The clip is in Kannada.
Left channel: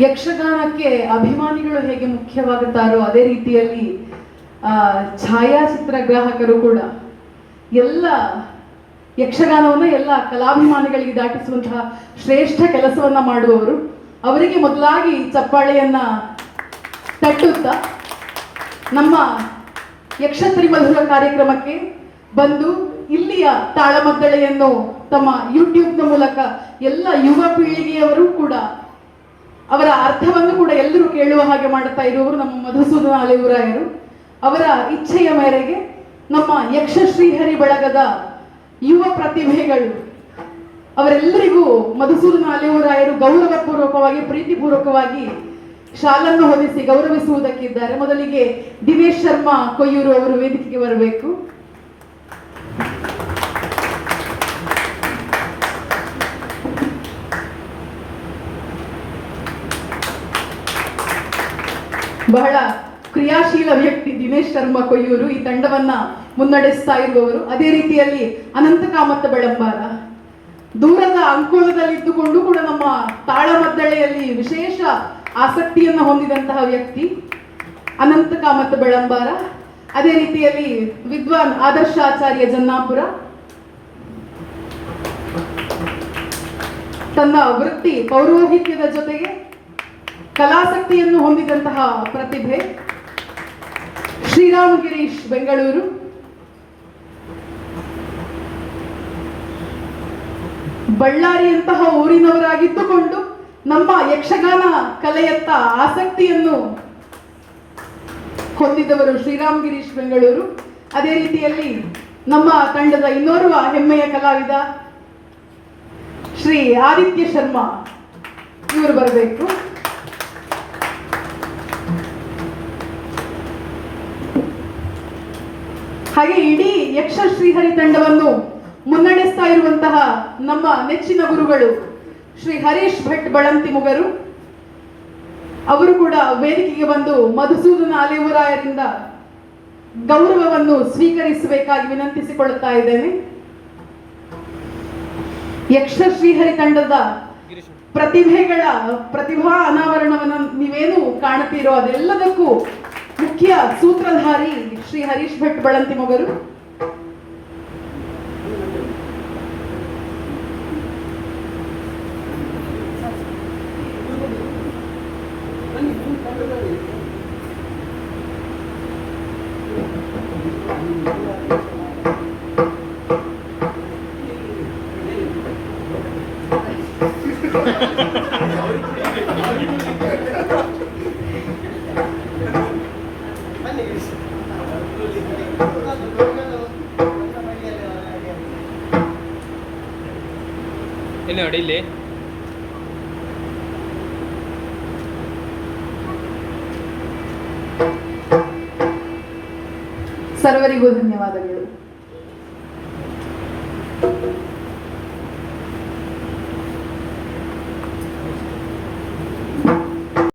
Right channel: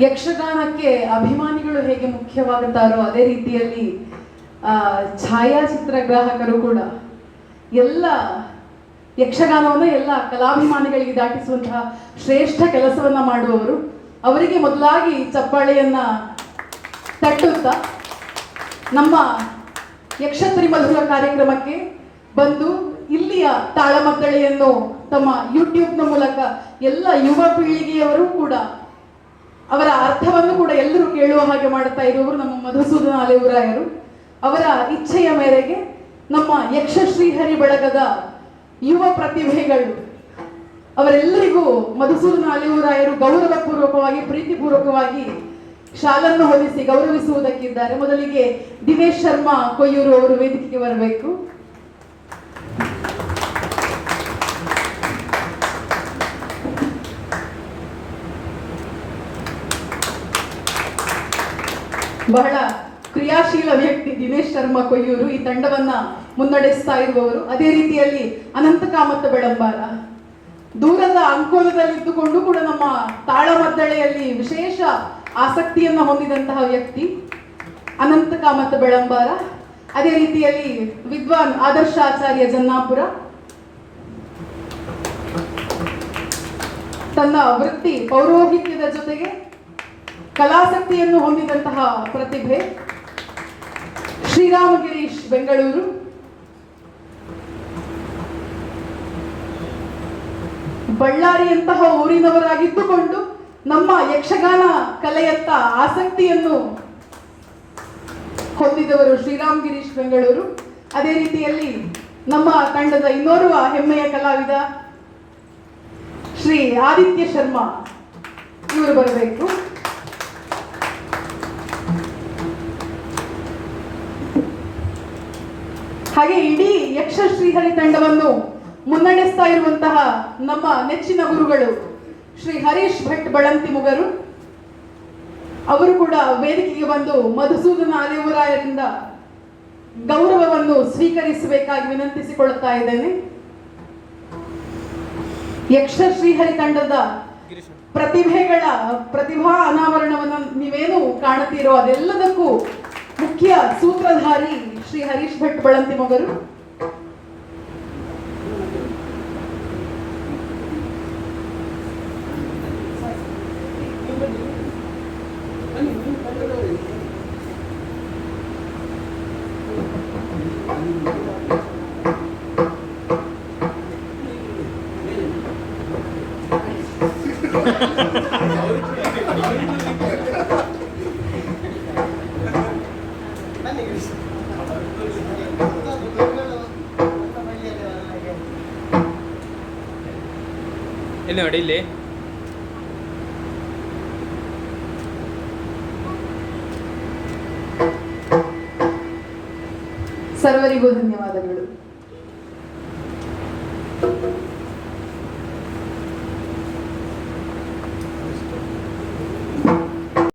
ಯಕ್ಷಗಾನಕ್ಕೆ ಅಭಿಮಾನಿಗಳು ಹೇಗೆ ಮುಖ್ಯವಾಗುತ್ತಾರೋ ಅದೇ ರೀತಿಯಲ್ಲಿ ಆ, ಛಾಯಾಚಿತ್ರ ಗ್ರಾಹಕರು ಕೂಡ ಎಲ್ಲ ಯಕ್ಷಗಾನವನ್ನು ಎಲ್ಲ ಕಲಾಭಿಮಾನಿಗಳಿಗೆ ದಾಟಿಸುವಂತಹ ಶ್ರೇಷ್ಠ ಕೆಲಸವನ್ನ ಮಾಡುವವರು. ಅವರಿಗೆ ಮೊದಲಾಗಿ ಚಪ್ಪಾಳೆಯನ್ನ ತಟ್ಟುತ್ತಾ ನಮ್ಮ ಯಕ್ಷತ್ರಿ ಮಧುರ ಕಾರ್ಯಕ್ರಮಕ್ಕೆ ಬಂದು ಇಲ್ಲಿಯ ತಾಳಮದ್ದಳೆಯನ್ನು ತಮ್ಮ ಯೂಟ್ಯೂಬ್ನ ಮೂಲಕ ಎಲ್ಲ ಯುವ ಪೀಳಿಗೆಯವರು ಕೂಡ ಅವರ ಅರ್ಥವನ್ನು ಕೂಡ ಎಲ್ಲರೂ ಕೇಳುವ ಹಾಗೆ ಮಾಡುತ್ತಾ ಇರುವವರು ನಮ್ಮ ಮಧುಸೂದನ ಅಲೆಯೂರಾಯರು ಅವರ ಇಚ್ಛೆಯ ಮೇರೆಗೆ ನಮ್ಮ ಯಕ್ಷ ಶ್ರೀಹರಿ ಬಳಗದ ಯುವ ಪ್ರತಿಭೆಗಳು, ಅವರೆಲ್ಲರಿಗೂ ಮಧುಸೂದನ ಅಲೆಯೂರಾಯರು ಗೌರವಪೂರ್ವಕವಾಗಿ, ಪ್ರೀತಿಪೂರ್ವಕವಾಗಿ ಶಾಲನ್ನು ಹೊಂದಿಸಿ ಗೌರವಿಸುವುದಕ್ಕಿದ್ದಾರೆ. ಮೊದಲಿಗೆ ದಿನೇಶ್ ಶರ್ಮಾ ಕೊಯ್ಯೂರು ಅವರು ವೇದಿಕೆಗೆ ಬರಬೇಕು. ಬಹಳ ಕ್ರಿಯಾಶೀಲ ವ್ಯಕ್ತಿ ದಿನೇಶ್ ಶರ್ಮಾ ಕೊಯ್ಯೂರು ಈ ತಂಡವನ್ನ ಮುನ್ನಡೆಸ್ತಾ ಇರುವವರು. ಅದೇ ರೀತಿಯಲ್ಲಿ ಅನಂತ ಕಾಮತ್ತ ಬೆಳಂಬಾರ ದೂರದ ಅಂಕೋಲದಲ್ಲಿ ಇದ್ದುಕೊಂಡು ಕೂಡ ನಮ್ಮ ತಾಳಮದ್ದಳೆಯಲ್ಲಿ ವಿಶೇಷ ಆಸಕ್ತಿಯನ್ನು ಹೊಂದಿದಂತಹ ವ್ಯಕ್ತಿ ಅನಂತ ಕಾಮತ್ ಬೆಳಂಬಾರ ಅದೇ ರೀತಿಯಲ್ಲಿ ವಿದ್ವಾನ್ ಆದರ್ಶ ಆಚಾರ್ಯ ಜನ್ನಾಪುರ. ತನ್ನ ವೃತ್ತಿ ಪೌರೋಹಿತ್ಯದ ಜೊತೆಗೆ ಕಲಾಸಕ್ತಿಯನ್ನು ಹೊಂದಿದಂತಹ ಪ್ರತಿಭೆ. ಶ್ರೀರಾಮ್ ಗಿರೀಶ್ ಬೆಂಗಳೂರು. ಬಳ್ಳಾರಿಯಂತಹ ಊರಿನವರಾಗಿದ್ದುಕೊಂಡು ನಮ್ಮ ಯಕ್ಷಗಾನ ಕಲೆಯತ್ತ ಆಸಕ್ತಿಯನ್ನು ಹೊಂದಿದವರು ಶ್ರೀರಾಮ್ ಗಿರೀಶ್ ಬೆಂಗಳೂರು. ಅದೇ ರೀತಿಯಲ್ಲಿ ನಮ್ಮ ತಂಡದ ಇನ್ನೋರ್ವ ಹೆಮ್ಮೆಯ ಕಲಾವಿದ ಶ್ರೀ ಆದಿತ್ಯ ಶರ್ಮಾ. ಇವರು ಬರಬೇಕು. ಹಾಗೆ ಇಡೀ ಯಕ್ಷ ಶ್ರೀಹರಿ ತಂಡವನ್ನು ಮುನ್ನಡೆಸ್ತಾ ಇರುವಂತಹ ನಮ್ಮ ನೆಚ್ಚಿನ ಗುರುಗಳು ಶ್ರೀ ಹರೀಶ್ ಭಟ್ ಬಳಂತಿ ಮುಗರು. ಅವರು ಕೂಡ ವೇದಿಕೆಗೆ ಬಂದು ಮಧುಸೂದನ ಅಲೆಯವರಾಯರಿಂದ ಗೌರವವನ್ನು ಸ್ವೀಕರಿಸಬೇಕಾಗಿ ವಿನಂತಿಸಿಕೊಳ್ಳುತ್ತಾ ಇದ್ದೇನೆ. ಯಕ್ಷ ಶ್ರೀಹರಿ ತಂಡದ ಪ್ರತಿಭೆಗಳ ಪ್ರತಿಭಾ ಅನಾವರಣವನ್ನು ನೀವೇನು ಕಾಣುತ್ತೀರೋ ಅದೆಲ್ಲದಕ್ಕೂ ಮುಖ್ಯ ಸೂತ್ರಧಾರಿ ಶ್ರೀ ಹರೀಶ್ ಭಟ್ ಬಳಂತಿ ಮೊಗರು. പിന്നെ എവിടെ ഇല്ലേ? സർവരിഗോ ധന്യവാദങ്ങൾ